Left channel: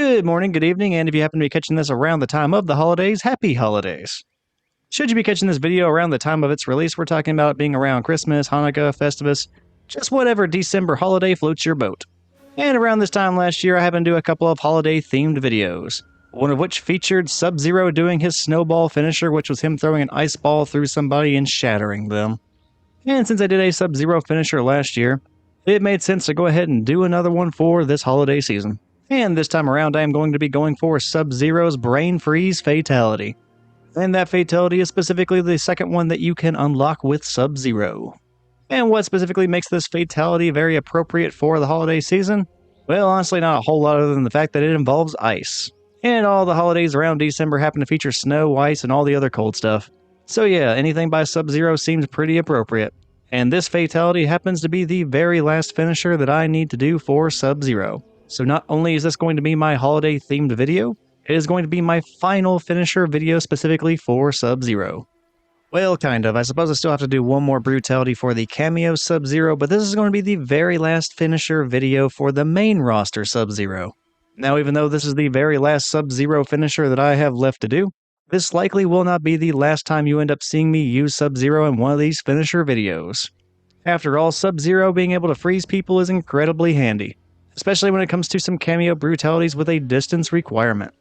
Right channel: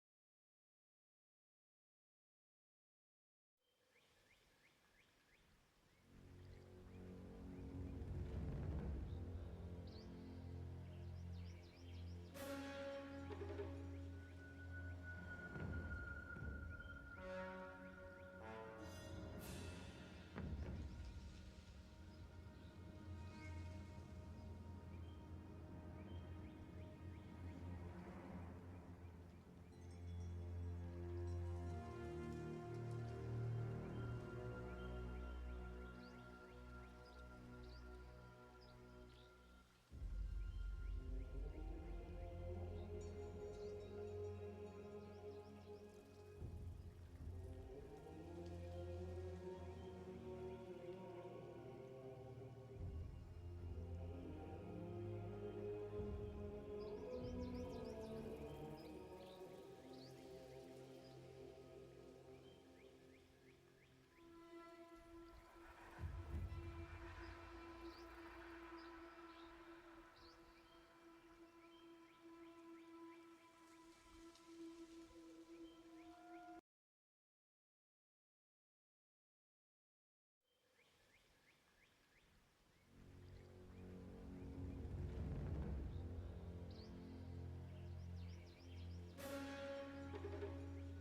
Good morning, good evening, and if you happen to be catching this around the time of the holidays, happy holidays. Should you be catching this video around the time of its release, we're talking about it being around Christmas, Hanukkah, Festivus, just whatever December holiday floats your boat. And around this time last year, I happened to do a couple of holiday themed videos, one of which featured Sub-Zero doing his snowball finisher, which was him throwing an ice ball through somebody and shattering them. And since I did a Sub-Zero finisher last year, it made sense to go ahead and do another one for this holiday season. And this time around, I am going to be going for Sub-Zero's Brain Freeze Fatality. And that fatality is specifically the second one that you can unlock with Sub-Zero. And what specifically makes this fatality very appropriate for the holiday season? Well, honestly, not a whole lot other than the fact that it involves ice. And all the holidays around December happen to feature snow, ice, and all the other cold stuff. So yeah, anything by Sub-Zero seems pretty appropriate. And this fatality happens to be the very last finisher that I need to do for Sub-Zero. So not only is this going to be my holiday themed video, it is going to be my final finisher video specifically for Sub-Zero. Well, kind of. I suppose I still have to do one more brutality for the kameo Sub-Zero, but this is going to be the very last finisher video for the main roster Sub-Zero. Now, even though this is the very last Sub-Zero finisher that I have left to do, this likely will not be the last time you end up seeing me use Sub-Zero in one of these finisher videos. After all, Sub-Zero being able to freeze people is incredibly handy, especially when it comes to some kameo brutalities with a distance requirement.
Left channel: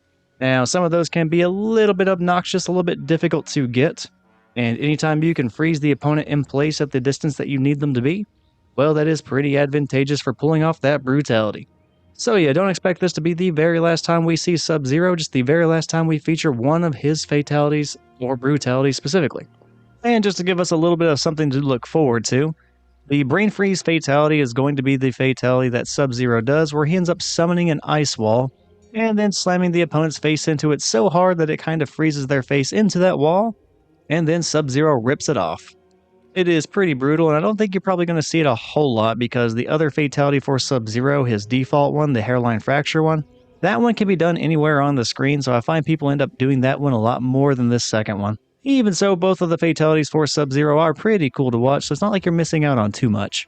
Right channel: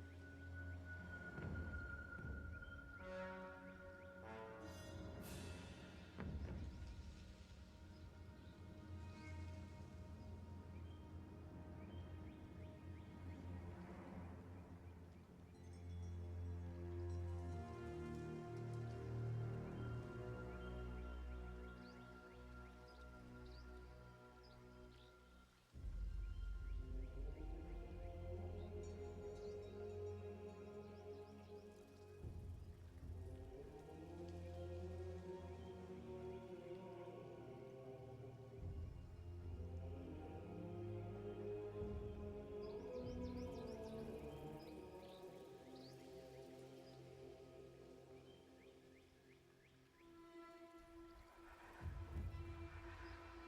Now, some of those can be a little bit obnoxious, a little bit difficult to get, and anytime you can freeze the opponent in place at the distance that you need them to be, well, that is pretty advantageous for pulling off that brutality. So yeah, don't expect this to be the very last time we see Sub-Zero, just the very last time we feature one of his fatalities or brutalities specifically. And just to give us a little bit of something to look forward to, the Brain Freeze fatality is going to be the fatality that Sub-Zero does, where he ends up summoning an ice wall, and then slamming the opponent's face into it so hard that it kind of freezes their face into that wall, and then Sub-Zero rips it off. It is pretty brutal, and I don't think you're probably going to see it a whole lot, because the other fatality for Sub-Zero, his default one, the hairline fracture one, that one can be done anywhere on the screen, so I find people end up doing that one a lot more than this second one. Even so, both of the fatalities for Sub-Zero are pretty cool to watch, so it's not like you're missing out on too much.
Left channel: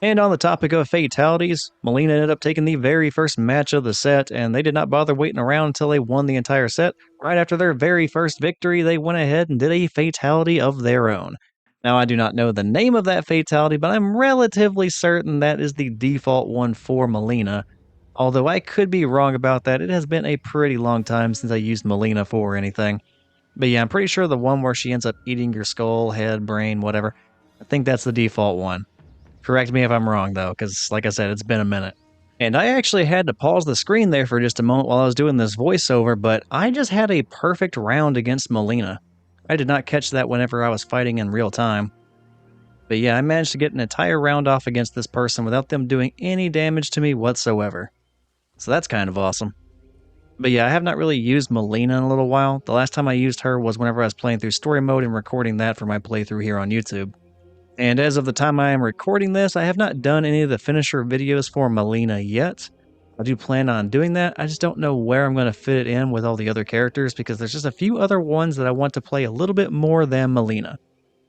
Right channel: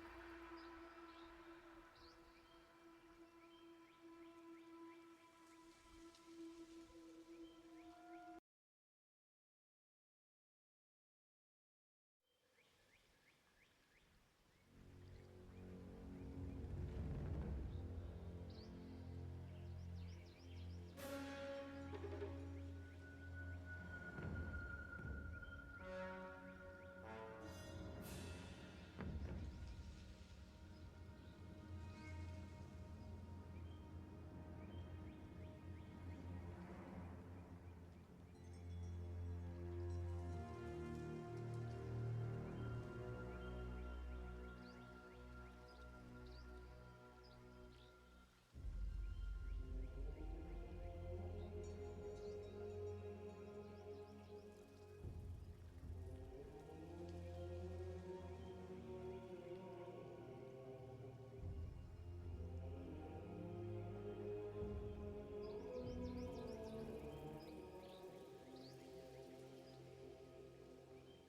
And on the topic of fatalities, Mileena ended up taking the very first match of the set, and they did not bother waiting around until they won the entire set. Right after their very first victory, they went ahead and did a fatality of their own. Now, I do not know the name of that fatality, but I'm relatively certain that is the default one for Mileena. Although I could be wrong about that, it has been a pretty long time since I used Mileena for anything. But yeah, I'm pretty sure the one where she ends up eating your skull, head, brain, whatever, I think that's the default one. Correct me if I'm wrong though, because like I said, it's been a minute. And I actually had to pause the screen there for just a moment while I was doing this voiceover, but I just had a perfect round against Mileena. I did not catch that whenever I was fighting in real time. But yeah, I managed to get an entire round off against this person without them doing any damage to me whatsoever. So that's kind of awesome. But yeah, I have not really used Mileena in a little while. The last time I used her was whenever I was playing through story mode and recording that for my playthrough here on YouTube. And as of the time I am recording this, I have not done any of the finisher videos for Mileena yet. I do plan on doing that. I just don't know where I'm going to fit it in with all the other characters, because there's just a few other ones that I want to play a little bit more than Mileena.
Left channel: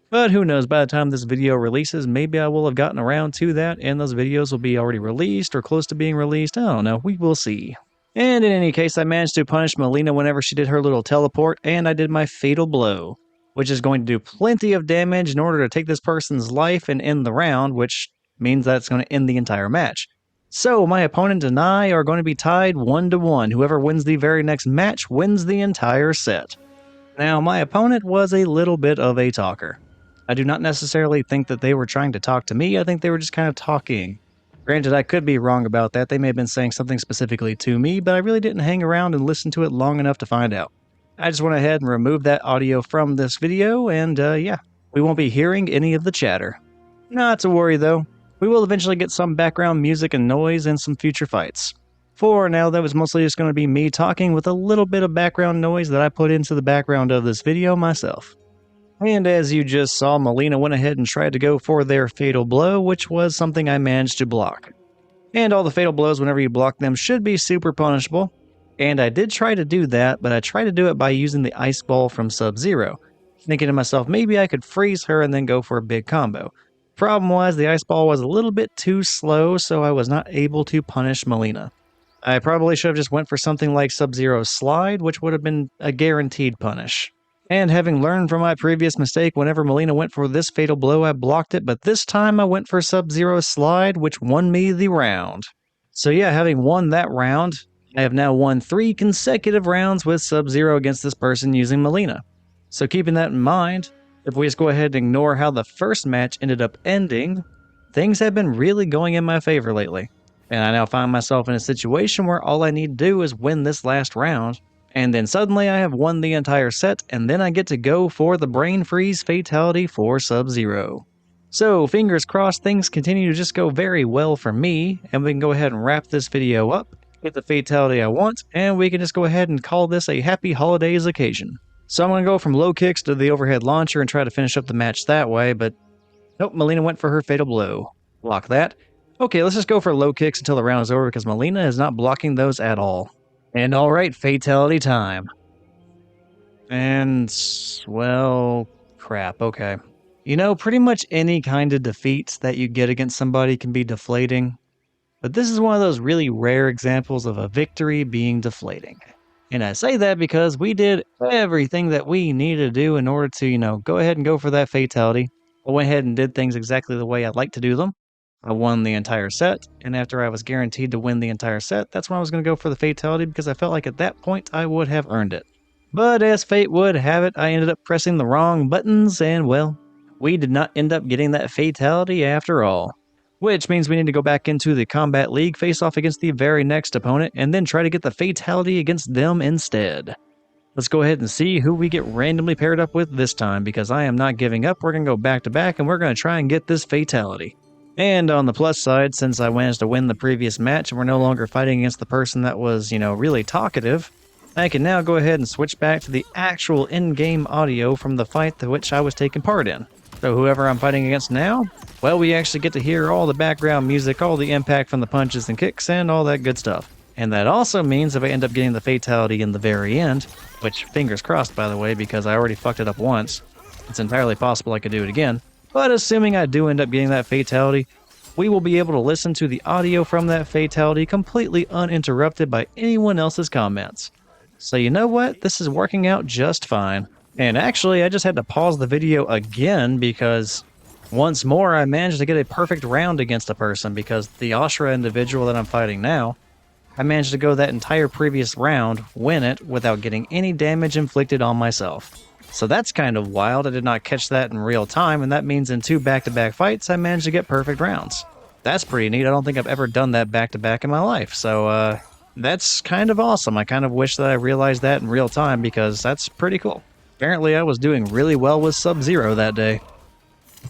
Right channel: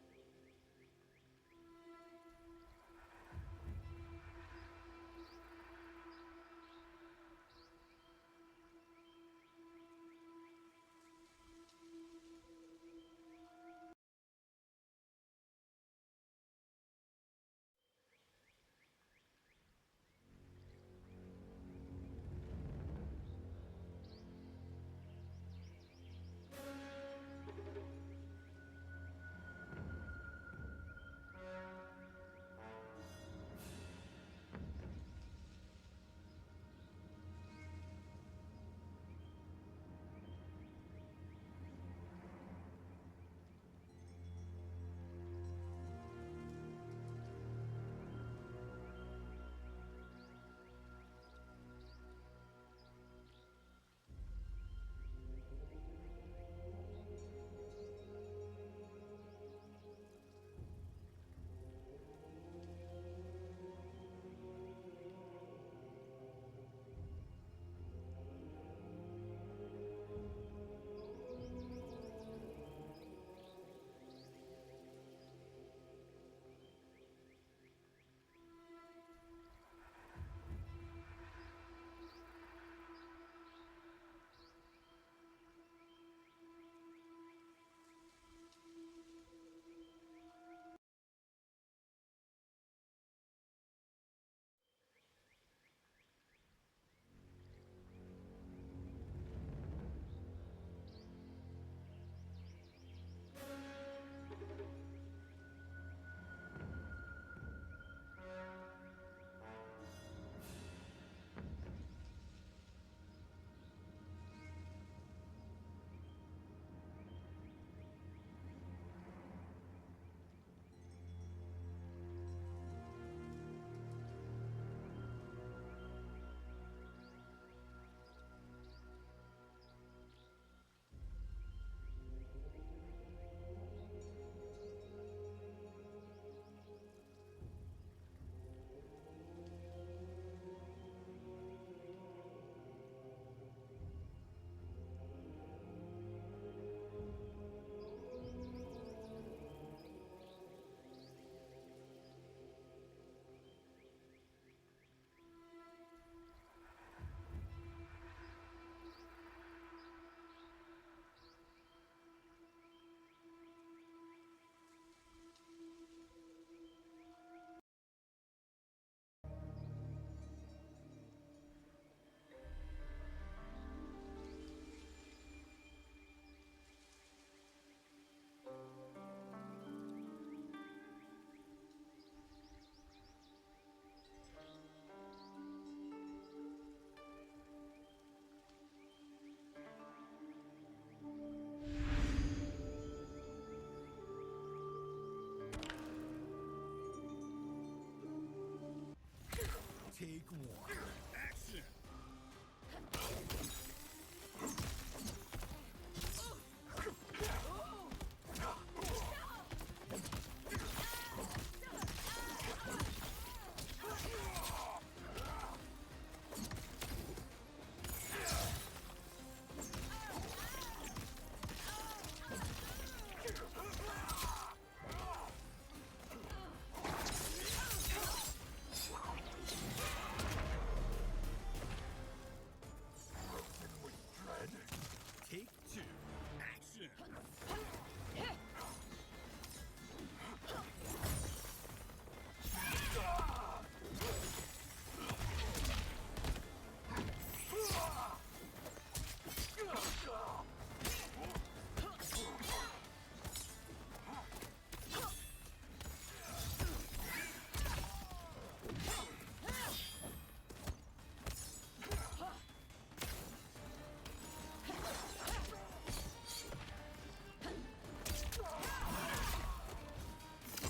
But who knows, by the time this video releases, maybe I will have gotten around to that and those videos will be already released or close to being released. I don't know, we will see. And in any case, I managed to punish Mileena whenever she did her little teleport, and I did my fatal blow, which is going to do plenty of damage in order to take this person's life and end the round, which means that's going to end the entire match. So my opponent and I are going to be tied 1-1. Whoever wins the very next match wins the entire set. Now, my opponent was a little bit of a talker. I do not necessarily think that they were trying to talk to me. I think they were just kind of talking. Granted, I could be wrong about that. They may have been saying something specifically to me, but I really didn't hang around and listen to it long enough to find out. I just went ahead and removed that audio from this video, and yeah, we won't be hearing any of the chatter. Not to worry though, we will eventually get some background music and noise in some future fights. For now, that was mostly just going to be me talking with a little bit of background noise that I put into the background of this video myself. And as you just saw, Mileena went ahead and tried to go for their fatal blow, which was something I managed to block. And all the fatal blows, whenever you block them, should be super punishable. And I did try to do that, but I tried to do it by using the ice ball from Sub-Zero, thinking to myself, maybe I could freeze her and then go for a big combo. Problem was, the ice ball was a little bit too slow, so I was not able to punish Mileena. I probably should have just went for something like Sub-Zero's slide, which would have been a guaranteed punish. And having learned from my previous mistake, whenever Mileena went for this fatal blow, I blocked it, but this time I went for Sub-Zero's slide, which won me the round. So yeah, having won that round, I have now won 3 consecutive rounds with Sub-Zero against this person using Mileena. So keeping that in mind, if we just go ahead and ignore how the first match ended up ending, things have been really going in my favor lately. And I now find myself in a situation where all I need to do is win this last round, and then suddenly I have won the entire set, and then I get to go for the Brain Freeze Fatality for Sub-Zero. So fingers crossed things continue to just go very well for me, and we can go ahead and wrap this video up, get the Fatality I want, and we can just go ahead and call this a Happy Holidays occasion. So I'm going to go from low kicks to the overhead launcher and try to finish up the match that way, but nope, Mileena went for her fatal blow. Block that. Okay, let's just go for low kicks until the round is over because Mileena is not blocking those at all. And alright, fatality time. And, well, crap, okay. You know, pretty much any kind of defeat that you get against somebody can be deflating. But this is one of those really rare examples of a victory being deflating. And I say that because we did everything that we needed to do in order to, go ahead and go for that fatality. I went ahead and did things exactly the way I'd like to do them. I won the entire set, and after I was guaranteed to win the entire set, that's when I was going to go for the fatality because I felt like at that point I would have earned it. But as fate would have it, I ended up pressing the wrong buttons, and well, we did not end up getting that fatality after all. Which means we need to go back into the Kombat League, face off against the very next opponent, and then try to get the fatality against them instead. Let's go ahead and see who we get randomly paired up with this time, because I am not giving up. We're going to go back to back, and we're going to try and get this fatality. And on the plus side, since I managed to win the previous match and we're no longer fighting against the person that was, really talkative, I can now go ahead and switch back to the actual in-game audio from the fight to which I was taking part in. So whoever I'm fighting against now, well, we actually get to hear all the background music, all the impact from the punches and kicks, and all that good stuff. And that also means if I end up getting the fatality in the very end, which fingers crossed by the way, because I already fucked it up once, it's entirely possible I could do it again. But assuming I do end up getting that fatality, we will be able to listen to the audio from that fatality completely uninterrupted by anyone else's comments. So you know what? This is working out just fine. And actually, I just had to pause the video again because once more I managed to get a perfect round against a person because the Ashrah individual that I'm fighting now, I managed to go that entire previous round, win it, without getting any damage inflicted on myself. So that's kind of wild. I did not catch that in real time, and that means in 2 back-to-back fights, I managed to get perfect rounds. That's pretty neat. I don't think I've ever done that back-to-back in my life, so that's kind of awesome. I kind of wish that I realized that in real time because that's pretty cool. Apparently, I was doing really well with Sub-Zero that day.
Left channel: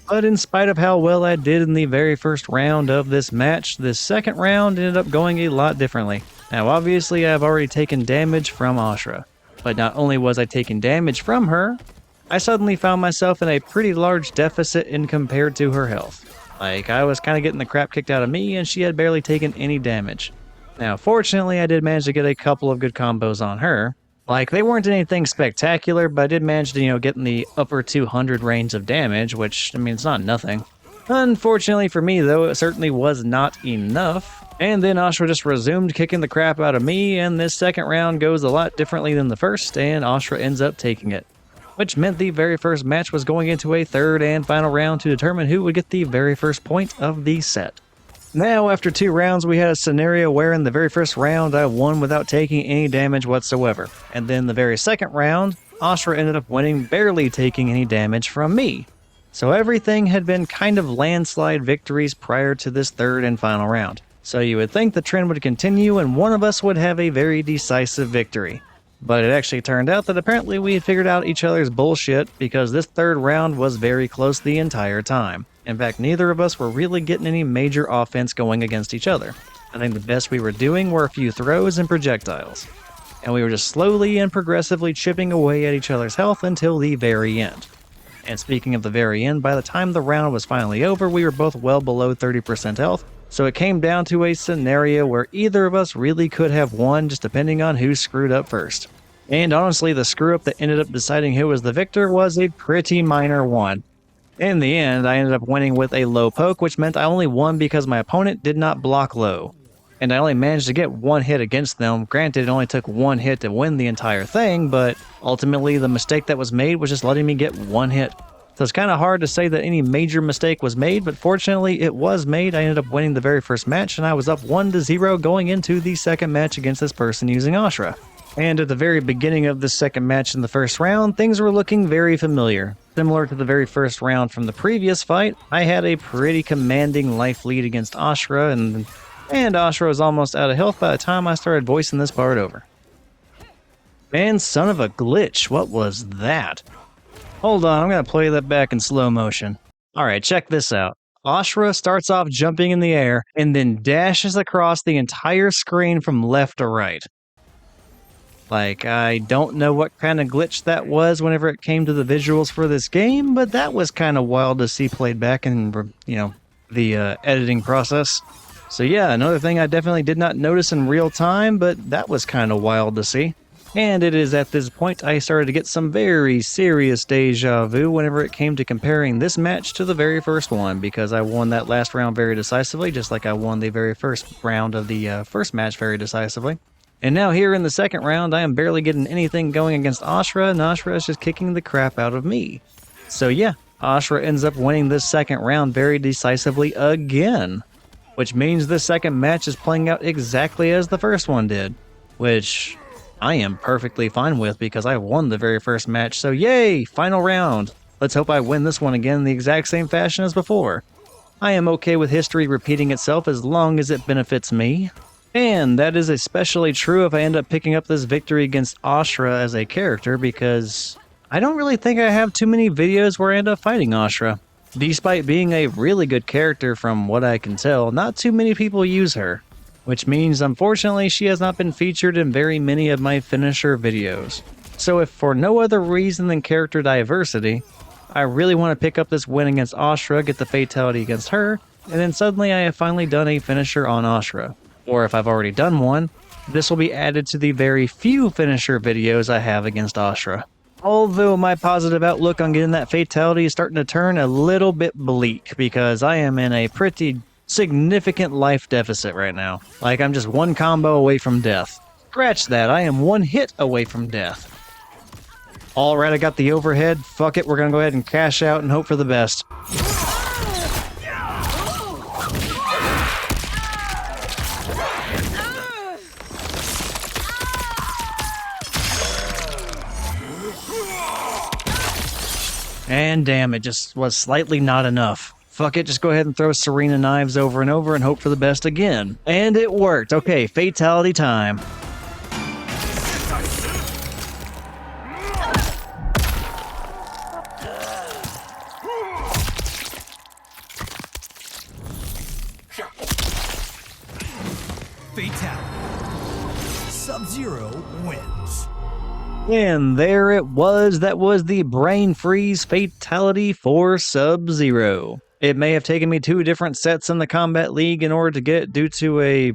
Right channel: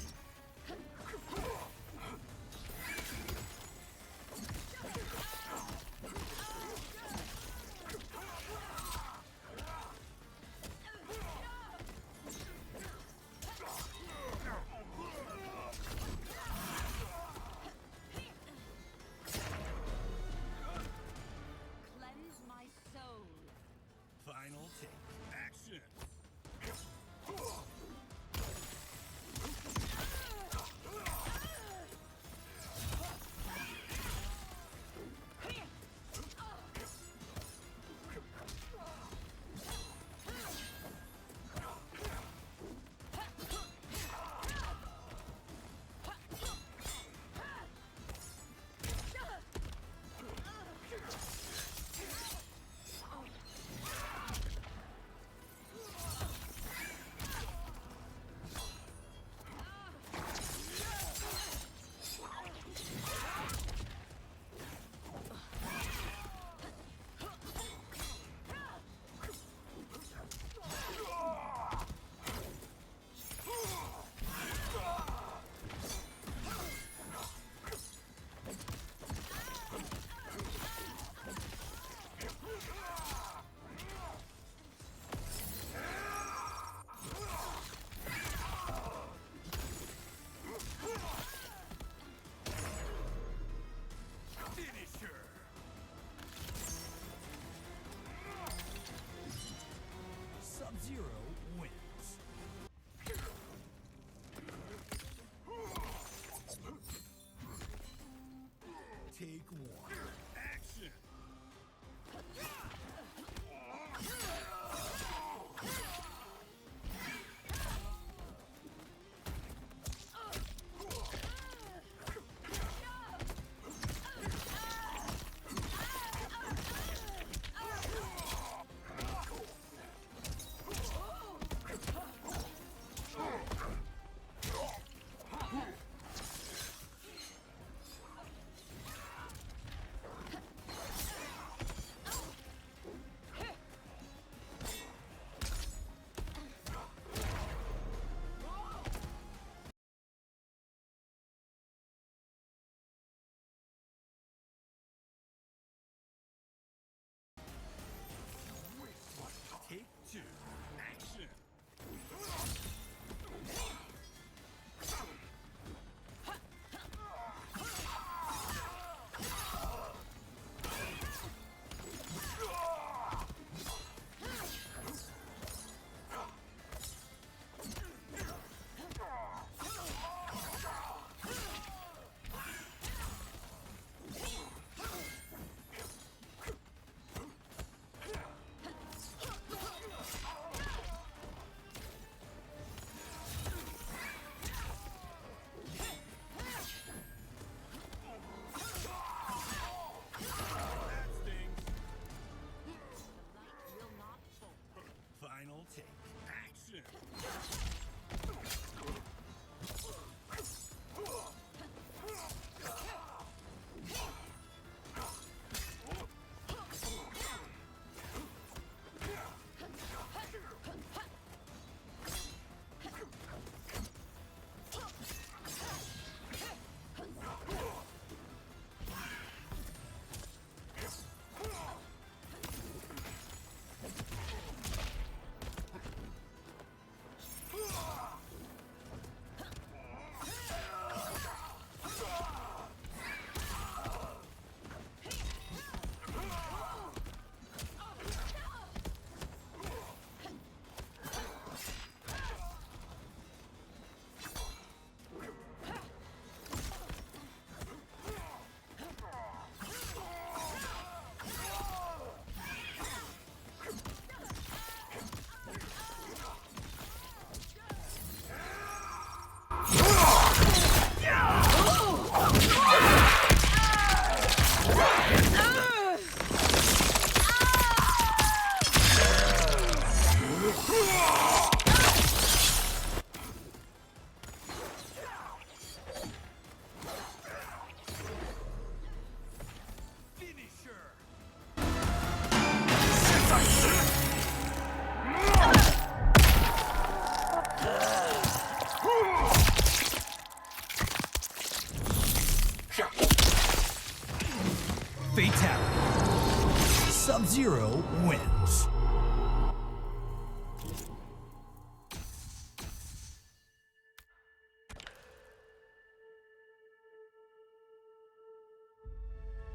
But in spite of how well I did in the very first round of this match, the second round ended up going a lot differently. Now, obviously, I've already taken damage from Ashrah. But not only was I taking damage from her, I suddenly found myself in a pretty large deficit in compared to her health. Like, I was kind of getting the crap kicked out of me, and she had barely taken any damage. Now, fortunately, I did manage to get a couple of good combos on her. Like, they weren't anything spectacular, but I did manage to, get in the upper 200 range of damage, which, I mean, it's not nothing. Unfortunately for me, though, it certainly was not enough. And then Ashrah just resumed kicking the crap out of me, and this second round goes a lot differently than the first, and Ashrah ends up taking it. Which meant the very first match was going into a third and final round to determine who would get the very first point of the set. Now, after 2 rounds, we had a scenario where in the very first round I won without taking any damage whatsoever. And then the very second round, Ashrah ended up winning, barely taking any damage from me. So everything had been kind of landslide victories prior to this third and final round. So you would think the trend would continue and one of us would have a very decisive victory. But it actually turned out that apparently we had figured out each other's bullshit because this third round was very close the entire time. In fact, neither of us were really getting any major offense going against each other. I think the best we were doing were a few throws and projectiles. And we were just slowly and progressively chipping away at each other's health until the very end. And speaking of the very end, by the time the round was finally over, we were both well below 30% health, so it came down to a scenario where either of us really could have won, just depending on who screwed up first. And honestly, the screw-up that ended up deciding who was the victor was a pretty minor one. In the end, I ended up winning with a low poke, which meant I only won because my opponent did not block low. and I only managed to get one hit against them. Granted, it only took one hit to win the entire thing, but ultimately the mistake that was made was just letting me get one hit. So it's kind of hard to say that any major mistake was made, but fortunately it was made. I ended up winning the very first match, and I was up 1-0 going into the second match against this person using Ashrah. And at the very beginning of the second match in the first round, things were looking very familiar. Similar to the very first round from the previous fight, I had a pretty commanding life lead against Ashrah, and Ashrah was almost out of health by the time I started voicing this part over. And son of a glitch, what was that? Hold on, I'm gonna play that back in slow motion. Alright, check this out. Ashrah starts off jumping in the air, and then dashes across the entire screen from left to right. Like, I don't know what kind of glitch that was whenever it came to the visuals for this game, but that was kind of wild to see played back in, the editing process. So yeah, another thing I definitely did not notice in real time, but that was kind of wild to see. And it is at this point I started to get some very serious deja vu whenever it came to comparing this match to the very first one, because I won that last round very decisively, just like I won the very first round of the first match very decisively. And now here in the second round, I am barely getting anything going against Ashrah, and Ashrah is just kicking the crap out of me. So yeah, Ashrah ends up winning this second round very decisively again, which means this second match is playing out exactly as the first one did, which I am perfectly fine with because I won the very first match, so yay, final round. Let's hope I win this one again in the exact same fashion as before. I am okay with history repeating itself as long as it benefits me. And that is especially true if I end up picking up this victory against Ashrah as a character, because I don't really think I have too many videos where I end up fighting Ashrah. Despite being a really good character from what I can tell, not too many people use her, which means unfortunately she has not been featured in very many of my finisher videos. So if for no other reason than character diversity, I really want to pick up this win against Ashrah, get the fatality against her, and then suddenly I have finally done a finisher on Ashrah. Or if I've already done one, this will be added to the very few finisher videos I have against Ashrah. Although my positive outlook on getting that fatality is starting to turn a little bit bleak, because I am in a pretty significant life deficit right now. Like, I'm just one combo away from death. Scratch that, I am one hit away from death. Alright, I got the overhead. Fuck it, we're gonna go ahead and cash out and hope for the best. And damn, it just was slightly not enough. Fuck it, just go ahead and throw Sareena knives over and over and hope for the best again. And it worked. Okay, fatality time. Fatality. Sub-Zero wins. And there it was. That was the brain freeze fatality for Sub-Zero. It may have taken me 2 different sets in the Kombat League in order to get it due to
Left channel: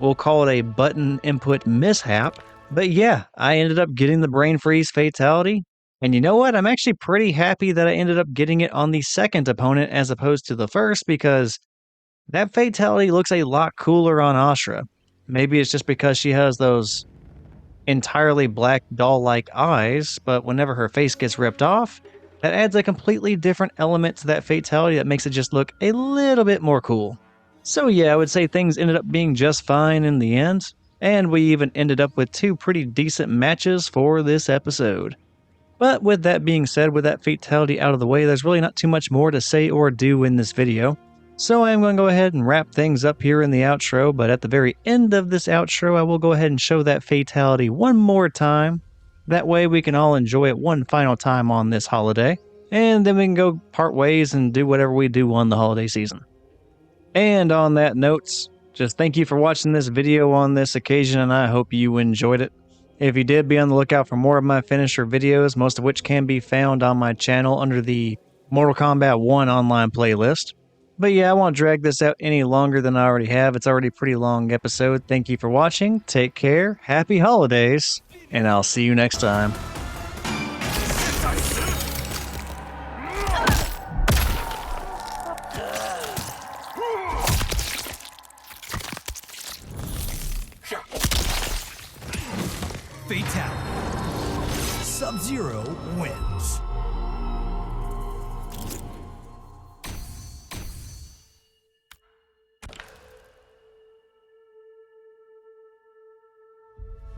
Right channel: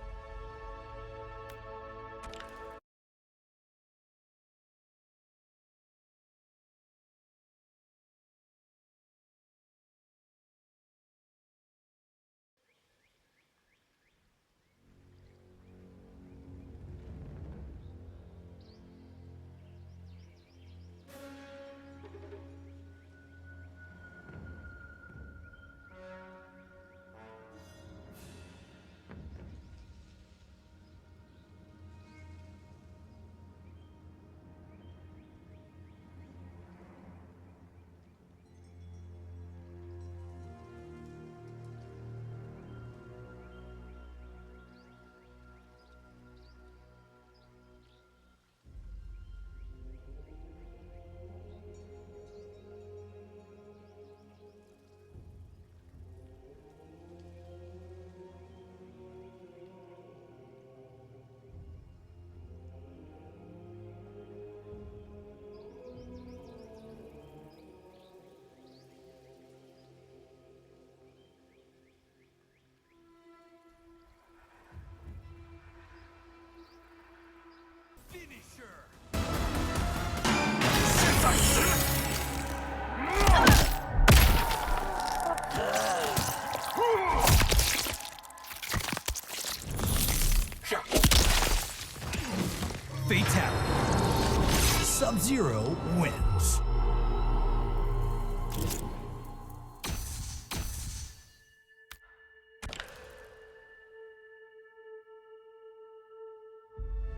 we'll call it a button input mishap. But yeah, I ended up getting the brain freeze fatality. And you know what? I'm actually pretty happy that I ended up getting it on the second opponent as opposed to the first, because that fatality looks a lot cooler on Ashrah. Maybe it's just because she has those entirely black doll-like eyes, but whenever her face gets ripped off, that adds a completely different element to that fatality that makes it just look a little bit more cool. So yeah, I would say things ended up being just fine in the end, and we even ended up with 2 pretty decent matches for this episode. But with that being said, with that fatality out of the way, there's really not too much more to say or do in this video. So I am going to go ahead and wrap things up here in the outro, but at the very end of this outro, I will go ahead and show that fatality one more time. That way we can all enjoy it one final time on this holiday, and then we can go part ways and do whatever we do on the holiday season. And on that note, just thank you for watching this video on this occasion, and I hope you enjoyed it. If you did, be on the lookout for more of my finisher videos, most of which can be found on my channel under the Mortal Kombat 1 online playlist. But yeah, I won't drag this out any longer than I already have. It's already a pretty long episode. Thank you for watching. Take care. Happy holidays. And I'll see you next time. Fatality. Sub-Zero wins.